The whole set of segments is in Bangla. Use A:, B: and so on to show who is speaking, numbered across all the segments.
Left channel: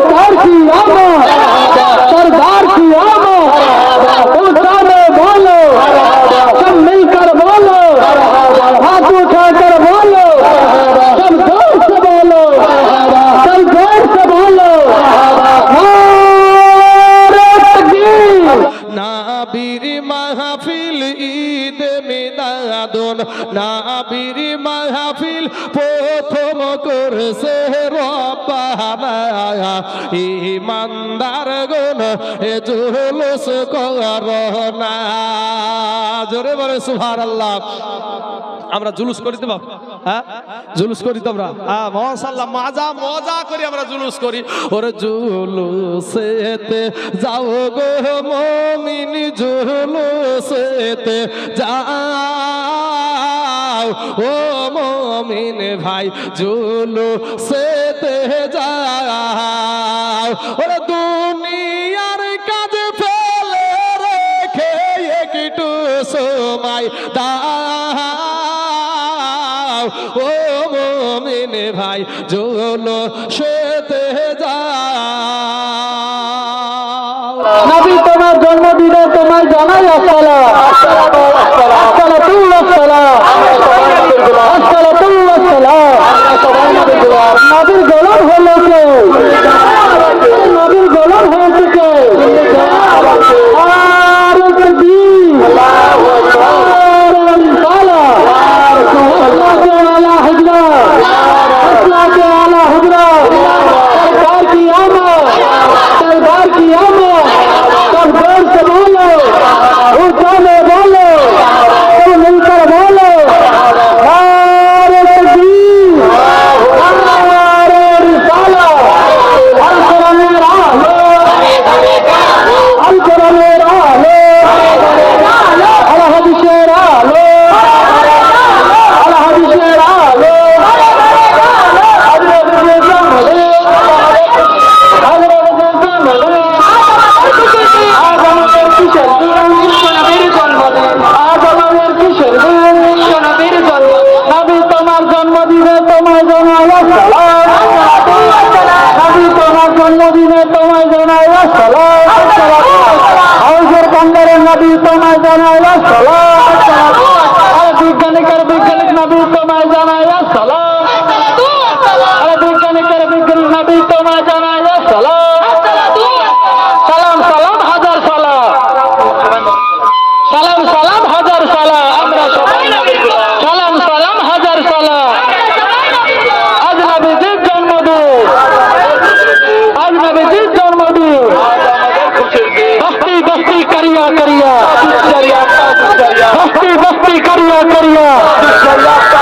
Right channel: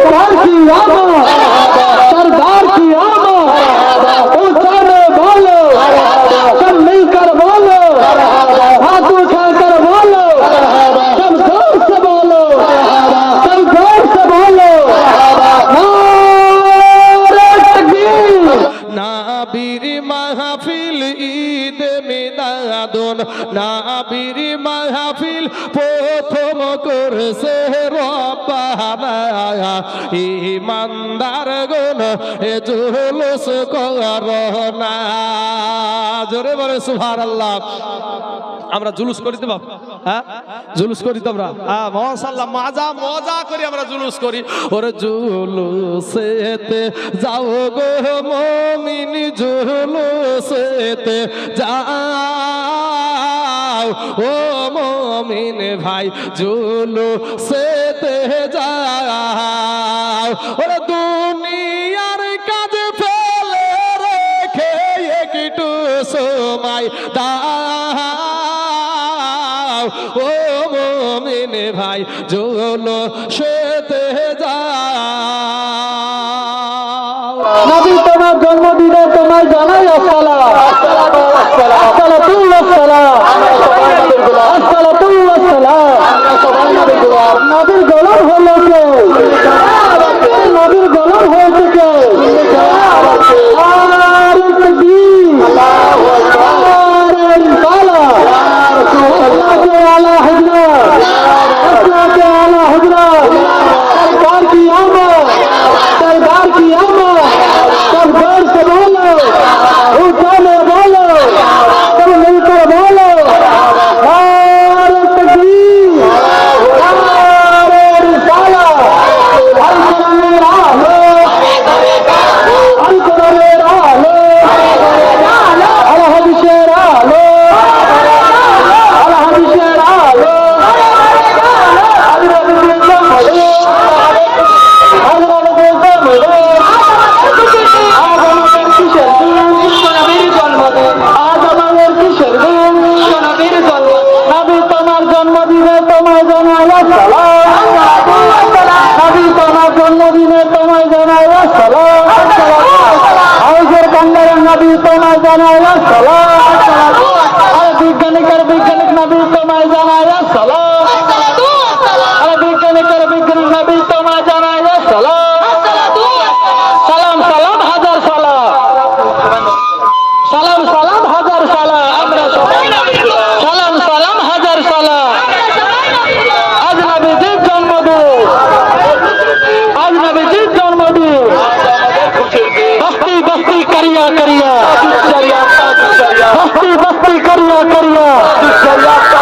A: Thank you. যখন
B: নাবির মাহফিল প্রথম করছে রব্বানা ইমানদার গুণ, এ জুলুস করোনা জোরে বলে সুভার আল্লাহ আমরা জুলুস করি তো হ্যাঁ? জুলুস করি তো আমরা? হ্যাঁ মহাশাল্লাহ মাজা, মজা করি আমরা জুলুস করি। ওরে জুলুসেতে যাও গো মমিন, জুলুসেতে যা যাও ও মমিন ভাই জুলু সেতে যাও। ওরে দুনিয়ার কাজ ফেলে রেখে একটু সময় দাও। ও মমিন ভাই জুলু সেতে যাও
A: তোমার জন্মদিনে তোমায় জানাই আসসালাম। আসসালাম আসসালাম tomado una ayahuasca, करिया। करिया करिया करिया। करिया करिया।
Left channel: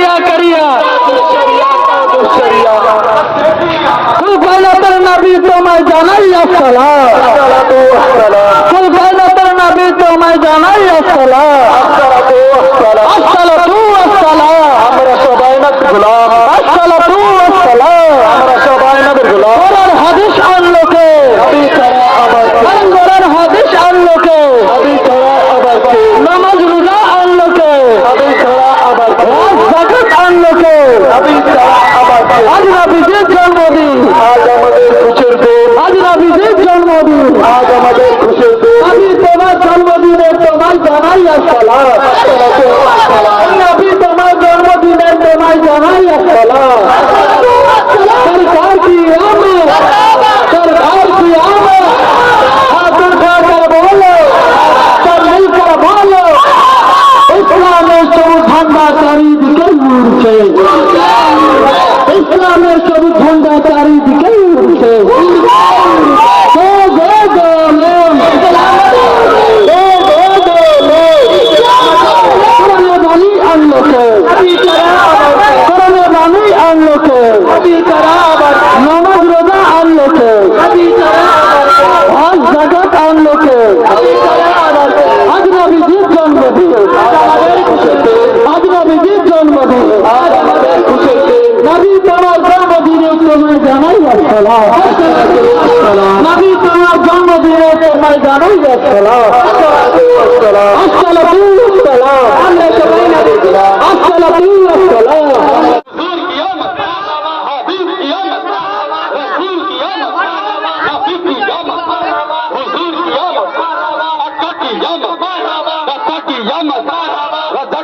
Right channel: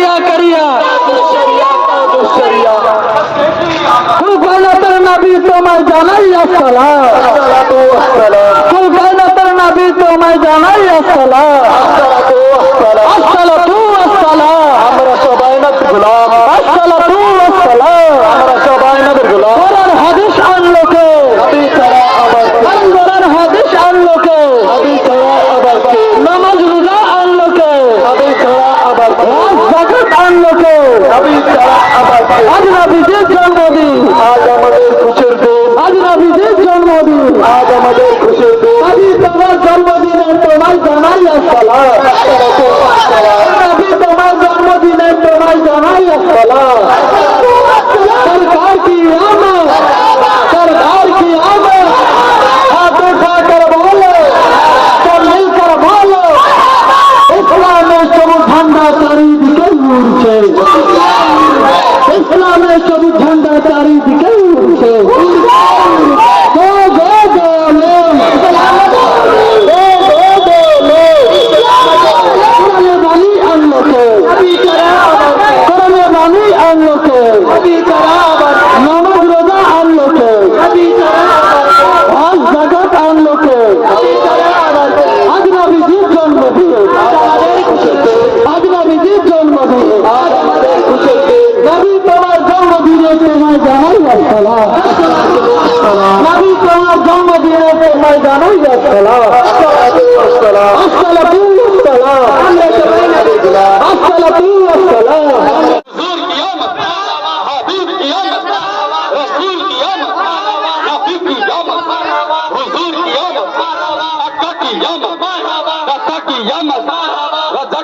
A: शरिया करिया। तू गाना गलतर नबी तो मैं जाना ही असल। तू गाना गलतर नबी तो मैं जाना ही Olha o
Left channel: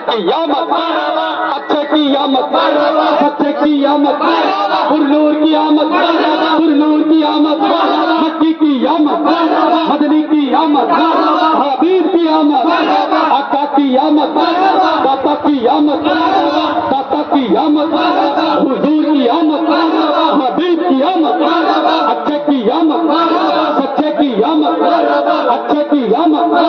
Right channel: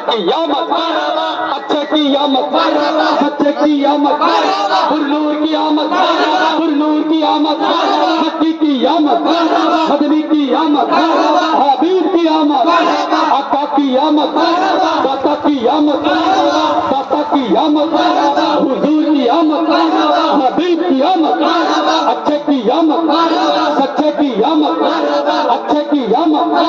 A: किया मत अच्छा किया मत अच्छा किया मत पुरनूर की आमद पुरनूर की आमद
C: मक्की की आमद मदनी की आमद हबीब की आमद अका की आमद दाता की आमद दाता की आमद हुजूर की आमद हबीब की आमद अच्छे की आमद सच्चे की आमद अच्छे की आमद